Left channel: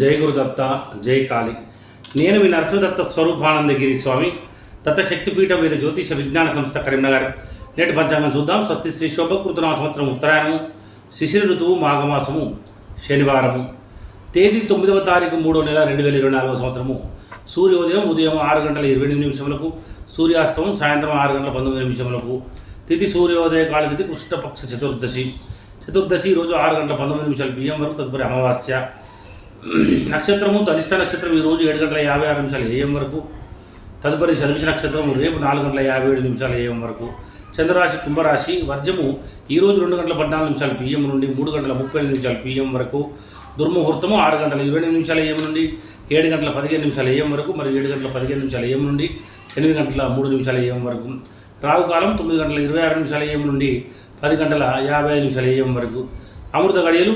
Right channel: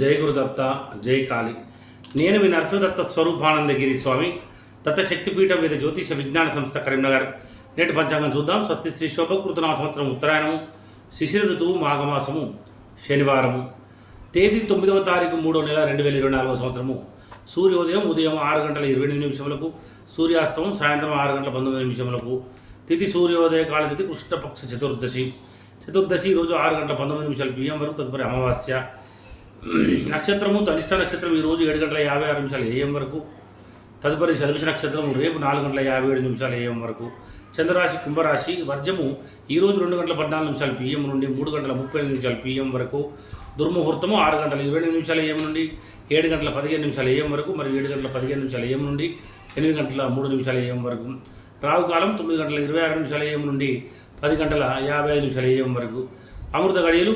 జై గురుదత్త జై కాళి. నేను మీ నరసింహదత్త స్వరూపానందగిరి స్వామి. దత్తశక్తిపీఠం మీద జ్యోతిష విజ్ఞాన సంస్థ కరీంనగర్. నేటి పంచాంగం చూద్దాం. స్వస్తి శ్రీ శోభకృతనామ సంవత్సరం ఉత్తరాయణము శిశిర ఋతువు మాఘమాసము శనివారము. తేదీ తొమ్మిదవ తారీఖు మూడో నెల రెండు వేల ఇరవై నాలుగవ సంవత్సరము. సూర్యోదయం ఉదయం ఆరు గంటల ఇరవై ఎనిమిది నిమిషములకు సూర్యాస్తమం సాయంత్రం ఆరు గంటల పంతొమ్మిది నిమిషములకు. తిథి సూర్యోదయ కాల తిథి కృష్ణపక్ష చతుర్దశి. చతుర్దశి రోజు ఆరు గంటల పంతొమ్మిది నిమిషాలు బియ్యం వరకు తదుపరి అమావాస్య. నక్షత్రము తనిష్ట నక్షత్రం ఈ రోజు ఏడు గంటల యాభై ఆరు నిమిషాలు ఏఎం వరకు. తదుపరి శనిష నక్షత్రం రేపు నాలుగు గంటల యాభై ఏడు నిమిషాలు ఏఎం వరకు. చంద్రరాశి కుంభరాశి వర్జము ఈరోజు రెండు గంటల పద్నాలుగు నిమిషాలు పిఎం నుండి మూడు గంటల ముప్పై ఐదు నిమిషాలు పిఎం వరకు. దుర్ముహూర్తము ఆరు గంటల ఇరవై ఎనిమిది నిమిషాలు ఏఎం నుండి ఏడు గంటల పదిహేను నిమిషాలు ఏఎం వరకు మరియు ఏడు గంటల పదిహేను నిమిషాలు ఏఎం నుండి ఎనిమిది గంటల మూడు నిమిషాలు ఏఎం వరకు. రావుకాలం తొమ్మిది గంటల ఇరవై ఆరు నిమిషాలు ఏఎం నుండి పది గంటల యాభై ఐదు నిమిషాలు ఏఎం వరకు. అమృత గడియలు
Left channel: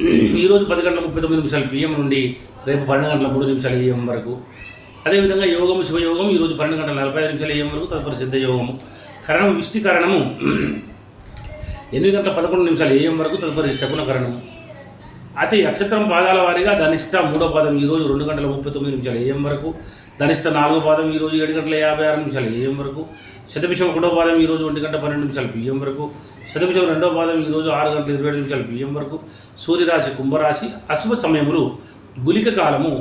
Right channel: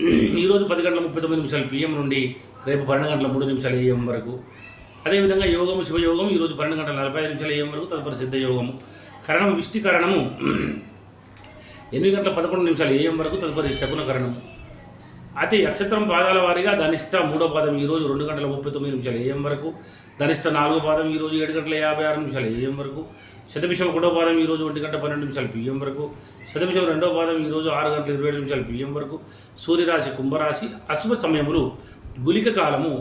ఈరోజు పది గంటల ముప్పై తొమ్మిది నిమిషాలు పిఎం నుండి రేపు పన్నెండు గంటల మూడు నిమిషాలు ఏఎం వరకు. అదేవిధంగా యోగము శివయోగం ఈరోజు పన్నెండు గంటల నలభై ఐదు నిమిషాలు ఏఎం వరకు తదుపరి సిద్ధ యోగము కరణం విష్టి కరణము. ఎనిమిది గంటల పదకొండు నిమిషాలు ఏఎం వరకు తదుపరి శకున కరణము అయితే నక్షత్రం పాదాల వారీగా ధనిష్ట మూడో పాదం ఈరోజు రెండు గంటల ముప్పై తొమ్మిది నిమిషాలు ఏఎం వరకు ధనిష్ట నాలుగో పాదం ఈరోజు ఏడు గంటల యాభై ఆరు నిమిషాలు ఏఎం వరకు శతభిషం ఒకటో పాదం ఈరోజు ఒంటి గంట పన్నెండు నిమిషాలు పిఎం వరకు శతభిషం రెండో పాదం ఈరోజు ఆరు గంటల ఇరవై ఏడు నిమిషాలు పిఎం వరకు సూర్యరాశి కుంభరాశి అశుభ సమయములు గులిక కాలము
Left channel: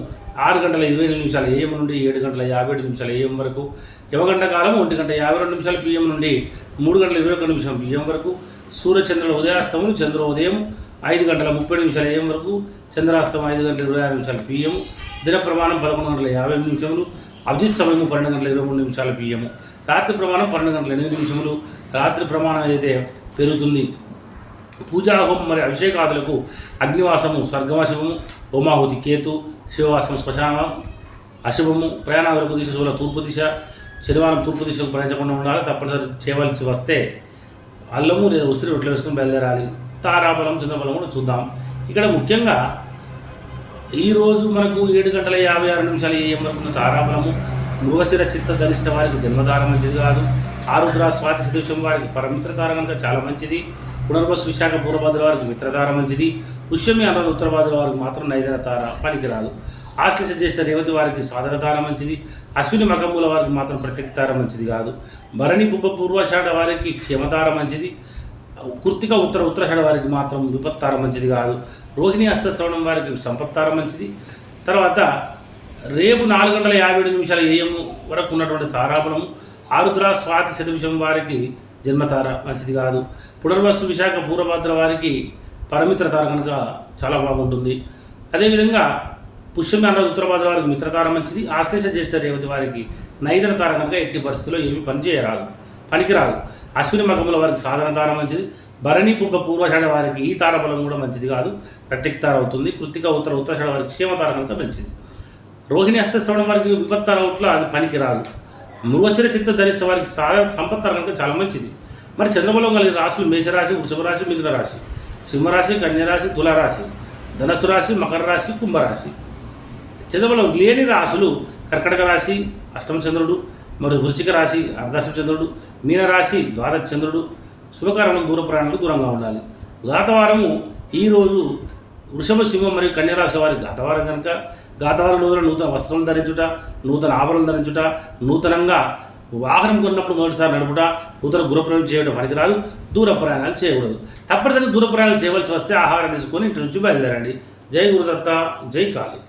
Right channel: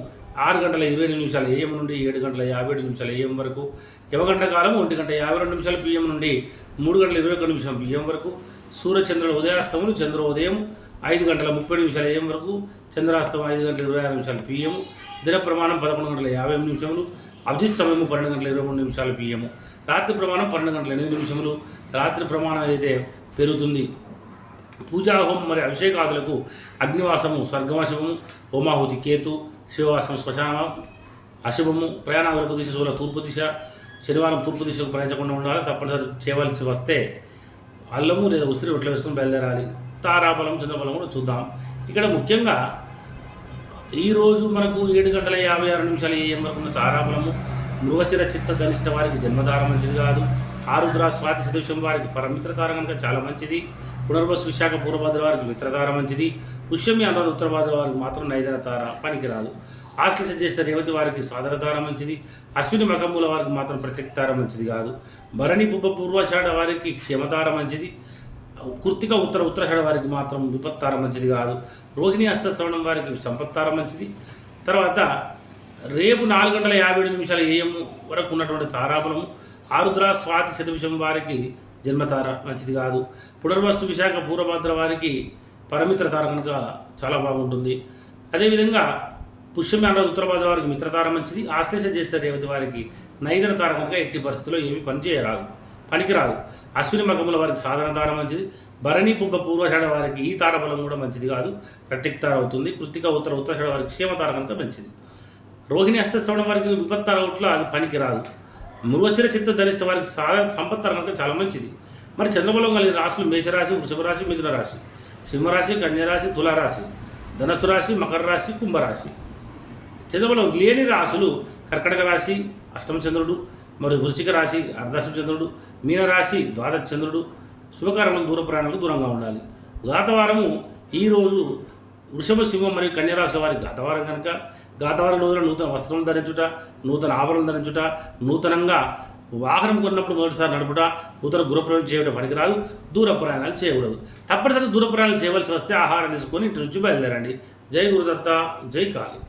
ఆరు గంటల ఇరవై ఏడు నిమిషాలు ఏఎం నుండి ఏడు గంటల యాభై ఏడు నిమిషాలు ఏఎం వరకు యువగంట కాలం ఒంటి గంట యాభై రెండు నిమిషాలు పిఎం నుండి మూడు గంటల ఇరవై ఒక నిమిషం పిఎం వరకు సూర్యచంద్రుల ఉదయాస్తములు చంద్రోదయం ఐదు గంటల ముప్పై నిమిషాలు ఏఎం వరకు చంద్రాస్తమం ఐదు గంటల ఇరవై ఆరు నిమిషాలు పిఎం దిన ప్రమాణం పదకొండు గంటల యాభై ఎనిమిది నిమిషములు అభిజిత్ సమయం పన్నెండు గంటల ఇరవై మూడు నిమిషాలు పిఎం రాత్రి ప్రమాణం పన్నెండు గంటల ఎనిమిది నిమిషములు. రాత్రి ప్రమాణం అయితే పెరుగుతుంది పూజా హోమం మరియు అభిషేకాదులకు అగ్నివాసము స్వర్గవాసము హోమాహుతి కేతు శివవాసం శ్మశానం అశుభము ప్రయాణాలకు దిశ శివుల తూర్పు దిశ శనివారం తూర్పు దిశకు ప్రయాణించకుండా ఉండాలి తప్పనిసరి చేయవలసి వస్తే అల్లము లేదా ఉసిరి రొట్టెలు వేసుకుని బయలుదేరాలి. తారాబలం చిన్నబలం కూడా చూద్దాం. ఇక్కడ ముఖ్యంగా ఈరోజు మనకు ఏడు గంటల యాభై ఆరు నిమిషాలు ఏం వరకు ఉన్న తారాబలము? మృగశిర చిత్త ధరిష్ట వారికి జన్మతార మంచిది కాదు. ఆరుద్ర స్వాతి శిదృశం వారికి పరమిత్ర కనుక చాలా మంచిది. పునర్వసు విశాఖ పూర్వభద్ర వారికి మిత్రతార మంచిది. పుష్యమి అన్న ఉత్తరభద్ర వారికి మాత్రం నైదన తార పనికిరాదు. ఆశ్లేష చేసే రేవతి వారికి సాధన తార మంచిది. అశ్విని మగంబుల వారికి మాత్రం ప్రత్యక్తార మంచిది కాదు. భరణి బుబ్బ పూర్వషాఢ వారికి క్షేమతార మంచిది. కృత్తిక ఉత్తర ఉత్తరాషాఢ వారికి మాత్రం విపత్తార మంచిది కాదు. రోహిణి అస్తశ్రవణం వారికి సంపత్తార మంచిది. తర్వాత రేపు నాలుగు గంటల యాభై ఏడు నిమిషాల ఏఎం వరకు ఉన్నటువంటి తారాబలము ఆరుద్ర స్వాతి శతభిషం వారికి జన్మతార మంచిది కాదు. పునర్వస్తు విశాఖ పూర్వభద్ర వారికి పరమిత్ర తార కనుక చాలా బాగుంటుంది. అదేవిధంగా పుష్యమి అన్న ఉత్తరభద్ర వారికి మిత్రతార మంచిది. ఆశ్లేష చేస్తే రేవతి వారికి నైదన తార కనుక ఎట్టి పరిస్థితుల్లో ఏమి పనిచేయరాదు పనికిరాదు. అశ్విని మగముల వారికి సాధారణ తార మంచిది. భరణి పుబ్బ పూర్వషాఢ వారికి ఈ తారబలం కూడా మంచిది కాదు. ప్రత్యక్తార అవుతుంది. కృతిక ఉత్తర ఉత్తరాషాఢ వారికి క్షేమతార కనుక మంచిది. రోహిణి హస్తశ్రవణం వారికి విపత్తార అవుట్లో అది పనికి రాదు మృగశిర చిత్త ధరిష్ట వారికి సా సంపత్తార కనుక చాలా మంచిది. మరి చంద్రబలం కలిగిన రాశులు మేషరాశి వృషభ రాశి మిథున రాశి సింహరాశి కన్యరాశి తులారాశి ధనసు రాశి మకర రాశి కుంభరాశి. చంద్రబలం లేని రాశులు కర్కటక రాశి అష్టమ చంద్రుడు మరియు వృశ్చిక రాశి అర్ధాష్టమ చంద్రుడు మీనరాశి ద్వాదశ చంద్రుడు శుభకారణకు దూర దూరంగా ఉండాలి. గాతవారము ఈరోజు వృషభ సింహం మరియు కన్యరాశుల వారి గాతవారం కనుక. గాతవారం రోజున నూతన వస్త్రం ధరించుట నూతన ఆభరణం ధరించుట నూతనంగా వాహనం కొన్నప్పుడు మొదటిసారి నడుపుట నూతన గృహప్రయాణం చేయడం పనికి రాదు. దూర ప్రయాణాలు చేయకూడదు. తప్పనిసరిగా దూర ప్రయాణాలు చేయవలసి వస్తే ఆహారం తీసుకొని ఇంటి నుంచి బయలుదేరండి. జై గురుదత్త జై కాళీ.